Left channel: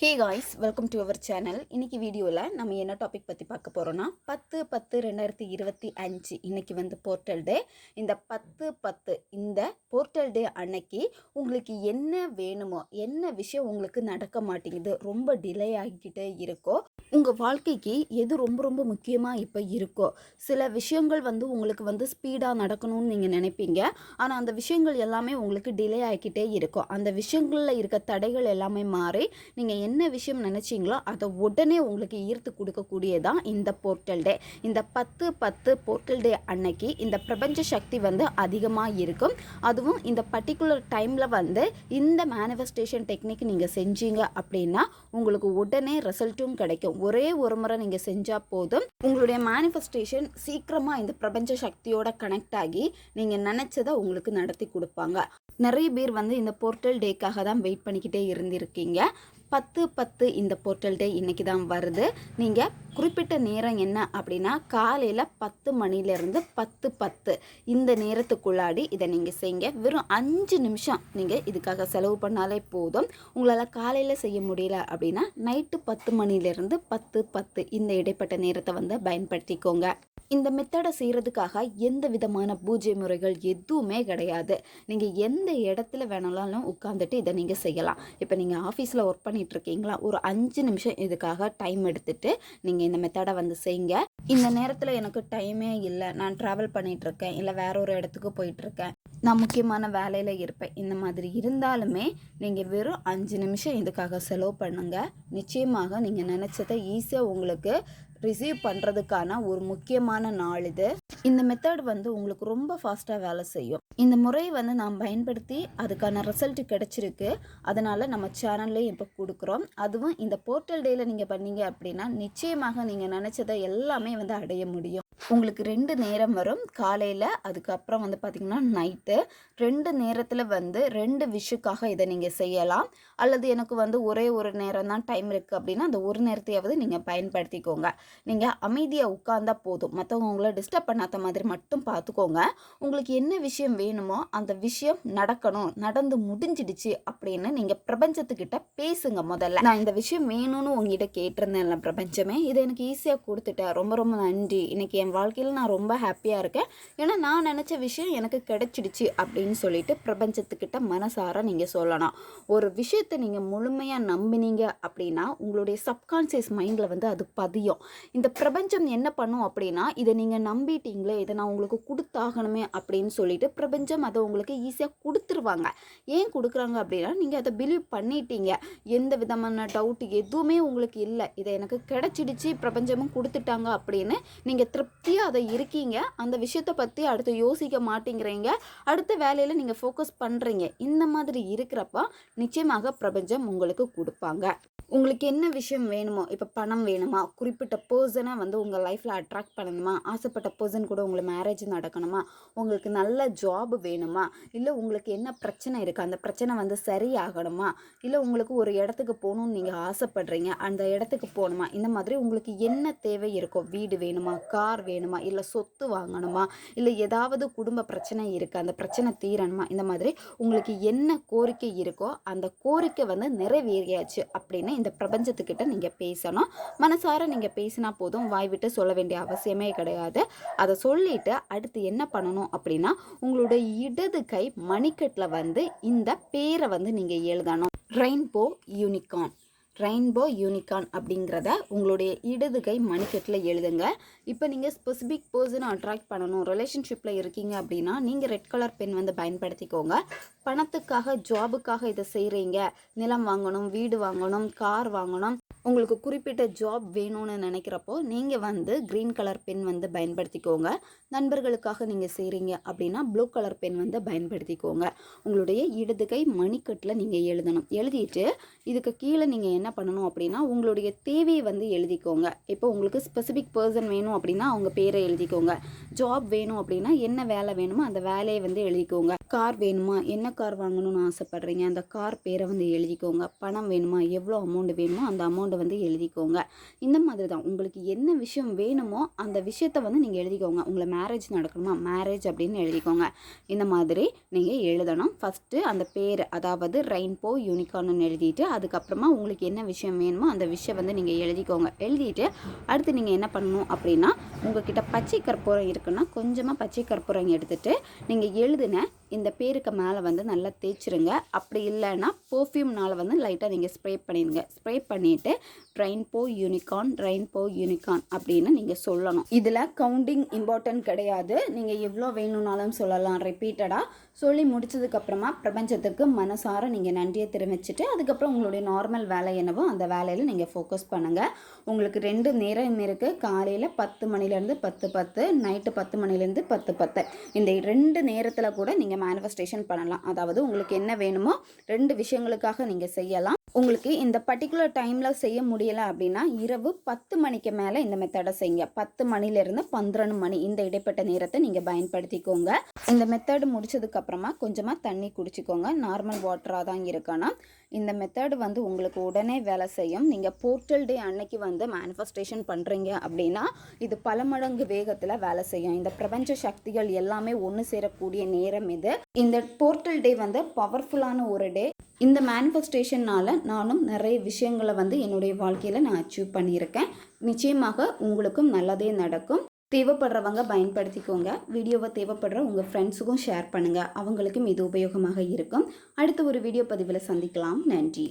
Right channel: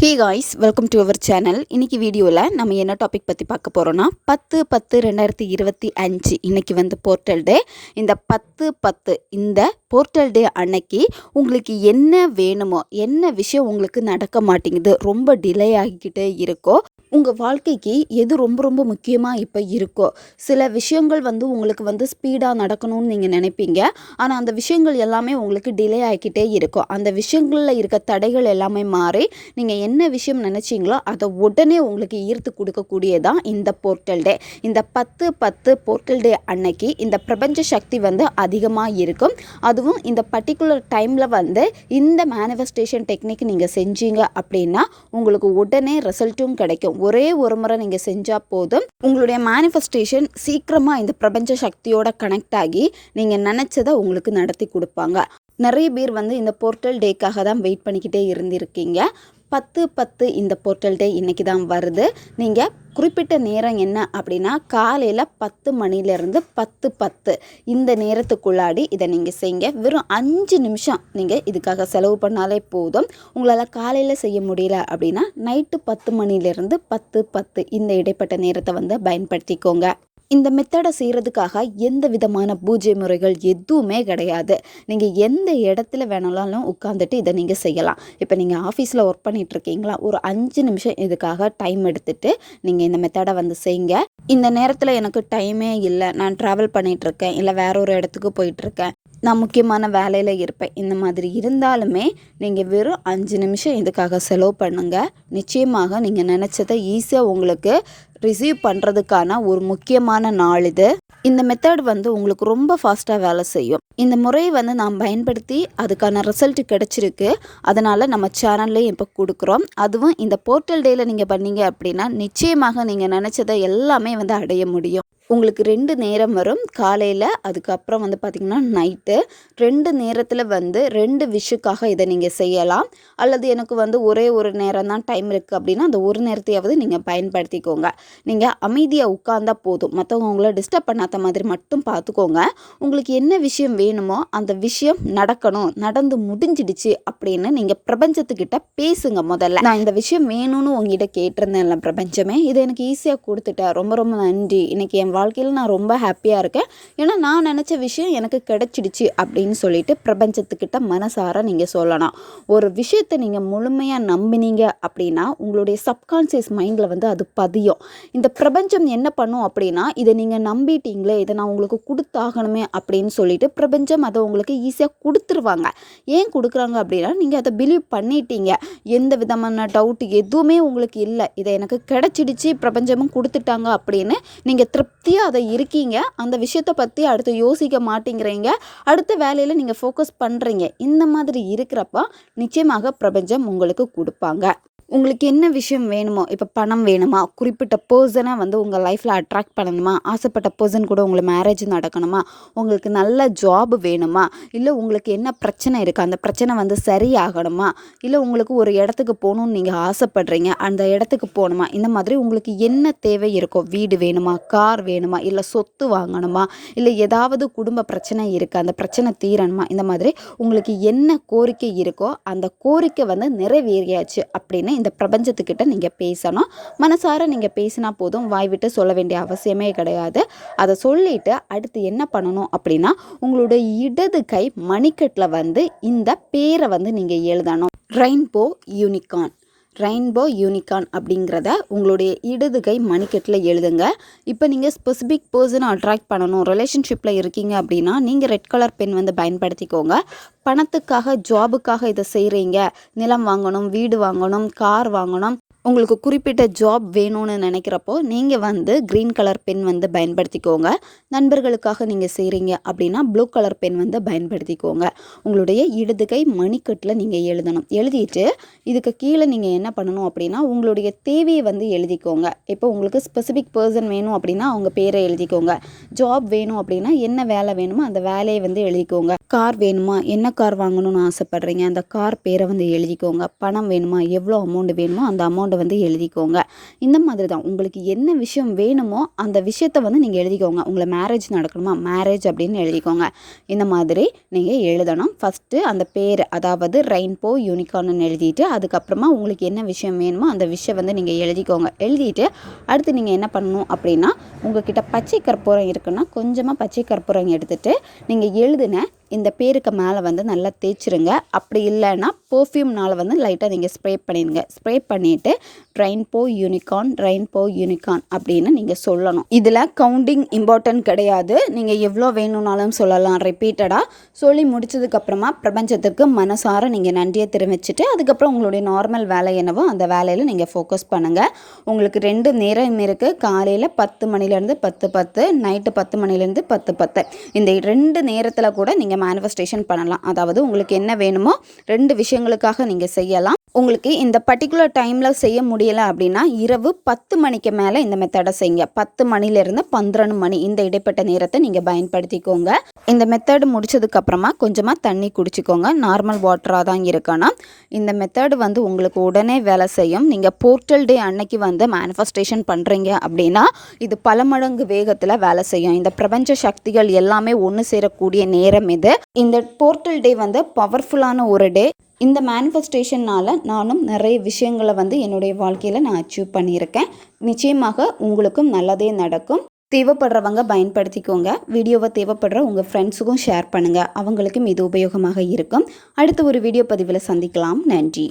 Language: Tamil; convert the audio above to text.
Hey guys, welcome to our channel. இன்றைக்கி வீடியோவில் நம்ம என்ன டாபிக் பற்றி பார்க்க போகிறோன்னா 10/10/2025 இன்றைக்கி வந்து போர்ட்டல் டே. இந்த 10/10 இந்த போர்ட்டல் டே அன்னைக்கு உங்களுக்கு என்ன வேணுமோ, என்ன விஷயம் உங்களுக்கு நடக்க மாட்டேங்குது, ரொம்ப டிலே ஆகிக்கிட்டே இருக்கோ, உங்கள் வாழ்க்கைக்கு எது ரொம்ப ரொம்ப முக்கியமாக இப்போ இருக்கோ, சில விஷயங்கள் வந்து உங்களுக்கு வந்து ஸ்பீடாக நடக்கணும்னு நீங்கள் நினைப்பீங்க. ஆனால் அந்த விஷயங்கள் எல்லாமே உங்களுக்கு டிலே ஆகிக்கிட்டே இருக்கும். அந்த விஷயங்களில் இருக்க தடைகள் எல்லாமே மாறி நீங்கள் என்ன விஷயம் நினச்சிங்களோ அதை உடனே உங்களுக்கு ஈர்த்து கொடுக்கக்கூடியதான் இந்த போர்ட்டல் டே. இந்த 10/10 போர்ட்டல் டே அன்னைக்கு இந்த பிரபஞ்ச சக்தி வந்து அதிகமாக இருக்கும். அதுவும் இந்த பர்டிகுலர் டைமில் வந்து இந்த மேனிஃபெஸ்டேஷன் டெக்னிக் நீங்கள் செஞ்சீங்க அப்படின்னா உங்களுக்கு உடனே ரிசல்ட்டும் கிடைக்கும். ஒரே ஒரு முறை நீங்கள் செஞ்சால் போதும், உங்களுடைய மேனிஃபெஸ்டேஷன் சீக்கிரமாக இந்த பிரபஞ்ச சக்தியோட கனெக்ட் ஆகி நீங்கள் நினச்சதை உங்களுக்கு நடத்தி கொடுப்பாங்க. நிறைய பேர் வந்து இந்த போர்ட்டல் டேக்காக தான் வெயிட் பண்ணிக்கிட்டே இருந்திருக்கீங்க. 10/10 இந்த போர்ட்டல் டே இன்றைக்கி தான் வருது. நீங்கள் குறிப்பிட்ட நேரம் என்ன அப்படின்னா காலையில் 10 மணிலேருந்து 10:10 இந்த நேரத்துக்குள்ளாடி இதை நீங்கள் செய்யுங்க. வெறும் 5 நிமிஷம் நீங்கள் இதுக்காக செலவு பண்ணாலே போதும். உங்களால் காலையில் செய்ய முடியல அப்படின்னா நைட்டு 10 மணிலேருந்து 10:10 இந்த இடைப்பட்ட நேரத்தை வந்து பயன்படுத்திக்கோங்க. இந்த மெத்தடை செய்கிறதுக்காக எந்த விதமான பூஜை முறைகள் எதுவுமே கிடையாது. நீங்கள் எந்த இடத்துல வேணாலும் உட்காந்துட்டு இதை நீங்கள் செய்யலாம். இப்போ நீங்கள் ஆஃபீஸில் ஒர்க் பண்ணிகிட்ருக்கீங்களா, ஒரு 5 நிமிஷம் இதுக்காக டைம் எடுத்துகிட்டு நீங்கள் இந்த மெத்தடை வந்து செய்யுங்க. இந்த நேரத்தில் எனக்கு டைமே இல்லை, நான் ட்ராவல் பண்ணிகிட்ருக்கேன், இல்லை வேற ஒரு இடத்துக்கு போயிட்டுருக்கேன், நான் முக்கியமான வேலையில் இருப்பேன், இந்த மாதிரி இருந்தாலுமே நீங்கள் வெறும் 5 நிமிஷம் இதுக்காக செலவு பண்ணுங்கள். நிச்சயமாக நீங்கள் நினச்சதை ஈஸியாக உங்களுக்கு ரிசீவ் பண்ணுறதுக்கான ஒரு முக்கியமான நாள் இது. இந்த மெத்தட் வந்து உங்களுக்கு ரொம்ப ஃபாஸ்ட்டாக வேலை செய்யும். இந்த முறையை வந்து நாம் பயன்படுத்தி அதுக்கான ரிசல்ட் கிடச்சிருக்கு. அதனால் நம்ம சேனல்லையும் இப்போ கொடுக்குறோம். அதுவும் இந்த போர்ட்டல் டேயில் நீங்கள் பண்ணீங்க அப்படின்னா நிச்சயமாக நீங்கள் நினச்சதை எல்லாமே வந்து அடைய முடியும். உங்களுக்கு 2 நேரம் வரும், காலையில், அதுக்கப்புறம் வந்து பார்த்திங்கன்னா நைட்டு. 2 நேரத்தில் வந்து 2 விஷுக்காக இதை நீங்கள் செய்யலாம். அல்லது எனக்கு வந்து ஒரே ஒரு நேரம் தான் டைம் இருக்குது அப்படின்னா அந்த ஒரு நேரத்தையாவது நீங்கள் பயன்படுத்திக்கோங்க. நீங்கள் அமைதியாக உட்கார்ந்தா போதும், மற்றவங்க உங்களை டிஸ்டர்ப் பண்ணாத மாதிரி மட்டும் பார்த்துக்கோங்க. உங்களுக்கு என்ன விஷயம் வேணுமோ அந்த விஷயம் நடக்கணும், நடந்து முடிஞ்சிடுச்சு அப்படின்னு நீங்கள் பிரபஞ்சத்துக்கிட்ட பேசுங்க. முதல்ல நான் இந்த விஷயம் வேணும்னு உங்ககிட்ட கேட்டிருந்தேன்ல பிரபஞ்சமே, இதை எனக்கு ஈஸியாக கொடுத்துட்டேன், ரொம்ப ரொம்ப நன்றி, இன்றைக்கி என் வாழ்க்கையில் நான் ரொம்ப ஹாப்பியாக இருக்கேன், ஏன்னா நான் நினச்ச விஷயம் எனக்கு கிடைச்சிடுச்சு அப்படின்னு சொல்லிட்டு பிரபஞ்சத்துக்கிட்ட மனசார நீங்கள் சொல்லணும். ஒரு விஷயத்தை நீங்கள் முழுமையாக நம்பினீங்க அப்படின்னா உங்களுடைய சப்கான்சியஸ் மைண்டில் வந்து அது பதியும். இந்த பிரபஞ்சம் என்ன பண்ணும் அப்படின்னா, இதை நீங்கள் நம்பிட்டீங்களே, இதை நான் உங்களுக்கு கொடுத்தாகணுமே அப்படின்னு சொல்லிட்டு பிரபஞ்சம் அதை உங்களுக்கு ஈஸியாக கொடுத்துருவாங்க. ஏன் கொடுக்குறாங்க அப்படின்னா நீங்கள் அதை பிலீவ் பண்ணிட்டீங்க, எந்த விதமான டவுட் எதுவுமே உங்களுக்கு இல்லை, இதை எனக்கு கிடைச்சிடுச்சு, பிரபஞ்சமும் கொடுத்துட்டாங்க அப்படின்னு நீங்கள் திருப்தியாக அதை இருக்கீங்க. அந்த விஷயத்தை பற்றி அடுத்து யோசிக்க மாட்டேங்கிறீங்க, அடுத்த வேலையில் நீங்கள் ஃபோக்கஸ் பண்ணுறீங்க. இந்த மாதிரி இருக்கிறப்ப நிச்சயமாக பிரபஞ்சம் உங்களுக்கு கொடுப்பாங்க. உங்களுக்கு என்ன விஷயம் வேணுமோ, இப்போ பணம் வேணுமா, குறிப்பிட்ட பர்சனை வந்து உங்கள் லைஃப்பில் அட்ராக்ட் பண்ணணுமா, ஆசைப்பட்ட பர்சன் கூட உங்களை மேரேஜ் நடக்கணுமா, உங்களுக்கு நல்ல ஜாப் வேணுமா, இல்லை உங்களுக்கு என்ன பிரச்சனை இருக்குது அந்த பிரச்சனை வந்து சரியாகணுமா, இல்லை உங்களுக்கு ஒரு இடத்துக்கு போகணுன்னு நீங்கள் ஆசைப்படுறீங்க, அந்த இடத்துக்கு போகணுமா, இந்த மாதிரி உங்களுக்கு என்ன தேவை இருக்கோ, வீடு வேணுமா, கார் வேணுமா, இல்லை சொத்து வாங்கணுமா, இல்லை ஏதாவது குடும்ப பிரச்சனை இருக்குது அந்த பிரச்சனை தீரணுமா, இந்த மாதிரி உங்களுக்கு என்ன கோரிக்கை இருக்கோ அந்த கோரிக்கை வந்து நிறைவேறியாச்சு அப்படின்னு இந்த பிரபஞ்சத்துக்கிட்ட நீங்கள் பேசணும். மனசார நீங்கள் பேசினா போதும், வாய் விட்டு சொல்ல வேண்டிய அவசியமே கிடையாது. அதை சொல்லிட்டு அடுத்து என்ன பண்ணணும் அப்படின்னா உங்களுடைய இடது கை மணிக்கட்டில் வந்து இந்த பேரை வந்து நீங்கள் எழுதணும். Rainbow unicorn. ரெயின்போ யூனிகார்ன் அப்படிங்கிறத உங்களுடைய இடது கை மணிக்கட்டில் எழுதுங்க. இப்போ நீங்கள் ஸ்பெசிஃபிக் பர்சனை அட்ராக்ட் பண்ணணும், ரிலேஷன்ஷிப்பில் இருக்கீங்க அப்படின்னா நீங்கள் ரெட் கலர் பென் வந்து பயன்படுத்திக்கோங்க. பணத்துக்காக, ஜாபுக்காக இதை செய்கிறீங்க, நிலம் வாங்கணும், வீடு வாங்கணும், கார் வாங்கணும், உங்களுக்கு குறிப்பிட்ட ஜாப் வேணும்னு நினைக்கிறப்போ நீங்கள் வந்து க்ரீன் கலர் பென் வந்து பயன்படுத்திக்கோங்க. நண்பர்களுக்காக நீங்கள் செய்கிறீங்க அப்படின்னா ப்ளூ கலர் பென் வந்து பயன்படுத்திக்கோங்க. உங்களுடைய இடது கை மணிக்கட்டில் நீங்கள் எழுதணும். எழுதிட்டு இதுக்கு கீழே நீங்கள் என்ன பண்ணணும் அப்படின்னா உங்களுடைய தேவையை வந்து எழுதிக்கோங்க. இப்போ உங்களுக்கு ஸ்பெசிஃபிக் பர்சன் வேணும் அப்படின்னா அவங்க பேரை எழுதிக்கோங்க. ஜாப் வேணும் அப்படின்னா என்ன வேலை வேணுமோ அந்த வேலையை வந்து எழுதிக்கோங்க. கார் வேணுமா, என்ன கார் வாங்கணும்னு ஆசைப்படுறீங்க அந்த கார் பேரை வந்து எழுதிக்கோங்க. பணம் வேணுமா, எவ்வளோ அமௌண்ட் வேணுமோ அந்த அமௌண்ட் அமௌண்ட்டை வந்து எழுதிக்கோங்க. இந்த மாதிரி தான் உங்களுக்கு என்ன விஷயம் வேணுமோ அந்த விஷயத்தை வந்து நீங்கள் எழுதிக்கோங்க. உங்களை மேரேஜ் நடக்கணுமா, மேரேஜ் அப்படின்னு எழுதிக்கோங்க. இந்த மாதிரி நீங்கள் எழுதணும். ஃபஸ்ட்டு அந்த பேர், அதாவது ரெயின்போ யூனிகார்ன்னு எழுதிட்டு அதுக்கப்புறமா உங்களுக்கு என்ன விஷயம் வேணுமோ அந்த விஷயம் வந்து நீங்கள் எழுதிக்கோங்க. எழுதிட்டு அடுத்து நீங்கள் என்ன பண்ணணும் அப்படின்னா, உங்கள்கிட்ட பச்சை கற்பூரம் இருக்குன்னா கொஞ்சமாக பச்சை கற்பூரம் எடுத்துகிட்டு நீங்கள் எழுதின இந்த பேருக்கு மேலே வந்து நல்லா தேய்ச்சிருங்க. அப்படி இல்லைன்னா பர்ஃப்யூம்னால் வந்து லைட்டாக நீங்கள் ஸ்ப்ரே பண்ணிடுங்க. ஸ்ப்ரே பண்ணிவிட்டு ரெயின்போ யூனிகார்ன் அப்படின்னு நீங்கள் சொல்லணும். இதில் கவுண்டிங் இம்பார்ட்டன்ட் கிடையாது. நீங்கள் எவ்வளோ வேணும்னாலும் சொல்லலாம். ரிப்பீட்டடாக சொல்லி முடிச்சதுக்கப்புறமா பிரபஞ்சத்துக்கு மனசார நீங்கள் நன்றியை தெரிவிச்சுட்டு அதுக்கப்புறம் உங்களுடைய நார்மல் வேலை என்னவோ அந்த வேலையில் நீங்கள் ஃபோக்கஸ் பண்ணுங்கள். உங்களுக்கு 2 நேரம் இருக்குது. காலையில் 10 மணிலேருந்து 10:10, நைட்டு 10 மணிலேருந்து 10:10. இந்த 2 நேரத்தில் கூட நீங்கள் மேனிஃபெஸ்டேஷன் பண்ணலாம். அதாவது உங்களுக்கு என்ன வேணுமோ 2 விஷயங்களுக்காக நீங்கள் செய்யலாம். உங்களுக்கு இந்த பர்டிகுலர் டைமில் செய்ய முடியலை அப்படின்னா இரவு 10 மணிக்கு மேலே இந்த மெத்தடை செய்யுங்க. 10 மணிலேருந்து 12 மணி இந்த இடைப்பட்ட நேரத்தை நீங்கள் பயன்படுத்திக்கோங்க. இந்த மெத்தடு முடிச்சதுக்கப்புறமா கொஞ்சமாக தண்ணி குடிச்சிக்கோங்க. நார்மல் வாட்டராக தான் இருக்கணும். இந்த மெத்தடு வந்து உங்களுக்கு உடனே வேலை செய்யும். நீங்கள் போர்ட்டல் டே அன்னைக்கு வந்து மேனிஃபெஸ்டேஷன் பண்ணுறீங்க அப்படின்னா இது பல மடங்கு வேகத்தில் வேலை செய்யும். இந்த பிரபஞ்ச சக்திகள் எல்லாமே ஒன்று சேரக்கூடிய நேரம் இது. இந்த போர்ட்டல் டே வந்து பவர்ஃபுல்லான ஒரு டே. இந்த மேனிஃபெஸ்டேஷனால் நானும் நிறைய விஷயங்களை வந்து என்னுடைய வாழ்க்கையில் நான் அச்சீவ் பண்ணியிருக்கேன். நிச்சயமாக உங்களுக்கும் நல்லதே நடக்கும். தேவைப்படுறவங்க பயன்படுத்திக்கோங்க. வீடியோவை தேவைப்படுற உங்கள் ஃப்ரெண்ட்ஸுக்கும் ஷேர் பண்ணுங்கள். அவங்களுக்கும் இது உபயோகமாக இருக்கும். அடுத்த ஒரு வீடியோ பதிவில் சந்திக்கலாம். நன்றி.